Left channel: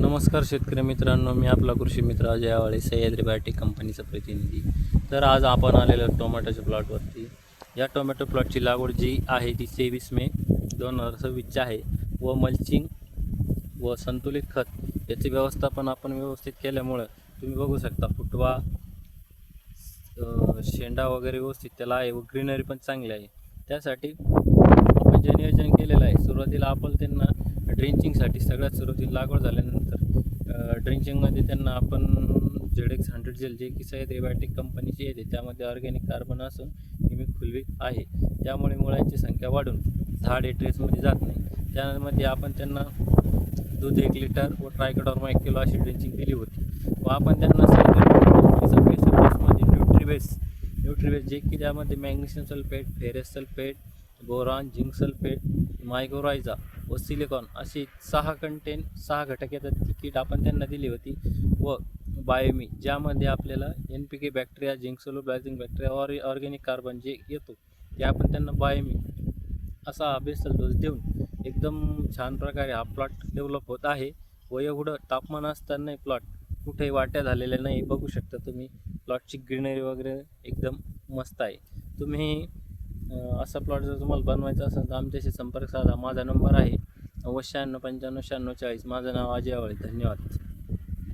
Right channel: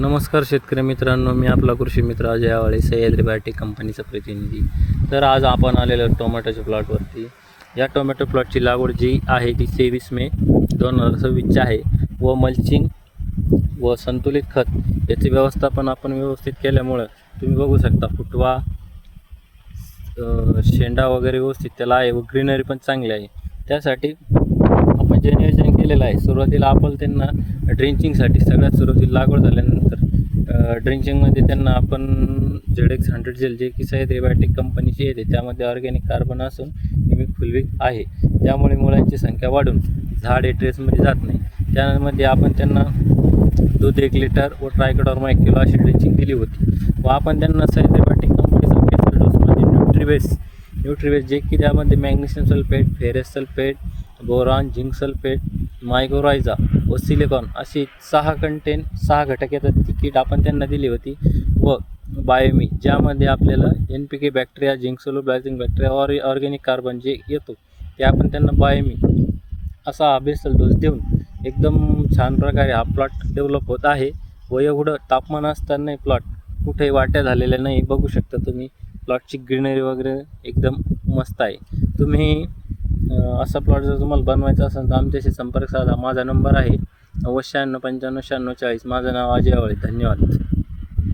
नमस्कार शेतकरी मित्रांनो, मी आपला कृषी मित्र अजय आवाळे, सह्याद्री बायोटेक कंपनीचा प्रतिनिधी. तर आज आपण आलेलो टोमॅटोच्या प्लॉटवरती. या टोमॅटो प्लॉटची लागवड जी आहे ती 23 मे 2026 आहे व मल्चिंग व संतुलित खत याचे व्यवस्थापन आपण व्यवस्थित केल्यामुळं तुम्ही बघू शकता फुटवा, शेंडा वगैरे व्यवस्थित त्याला आहे व ग्रीनरी पण चांगली आहे. त्यासाठी आपण जे नियोजन केलेलं आहे, सुरुवातीला आपण त्यांना ड्रिंचिंगसाठी सगळ्यात सुरुवातीला लागवड झाल्यानंतर ड्रिंचिंगमध्ये त्यांना आपण ZX100 जेल जे की सह्याद्री बायोटेक कंपनीची येते, त्यामध्ये ऑर्गॅनिक कार्बन असून हिमिक फुलविक आहे. त्यामुळे मुळांची संख्या वाढून झाड हे ट्रेसमध्ये जात नाही. त्यामध्ये आपण त्यांना दूध 1 लिटर व ट्रायकोडर्मा 1 किलो अशी ड्रिंचिंग दिली होती व आपण त्यांना सह्याद्री बायोटेक कंपनीचा बेसमध्ये न्यूट्रीबेस जे की त्यामध्ये magnesium sulphate, ferrous sulphate, boron, zinc sulphate, mycorrhiza व सिलिकॉन अशी 6 घटक येतात ती किट आपण त्यांना दिली होती. व बायोमी ज्यामध्ये आपल्याला NPK bacteria, zinc solubilizing bacteria organic carbon जे येतो ते आपण त्यांना बायोमी असा बेसल डोस देऊन एकदम छान प्रकारे हा प्लॉट डेव्हलप होत आहे. व एवढं तापमान असतानाही प्लॉट कुठेही वाट्या झालेल्या नाही. बघू शकता तुम्ही प्लॉटची ग्रीनरी वगैरे एकदम मस्त आहे. तुम्ही असा प्लॉट जर तुम्हाला बनवायचा असेल तर आमच्याशी संपर्क साधा. माझा नंबर आहे 90 95 96 40. माझं नाव अजय आवाळे. धन्यवाद.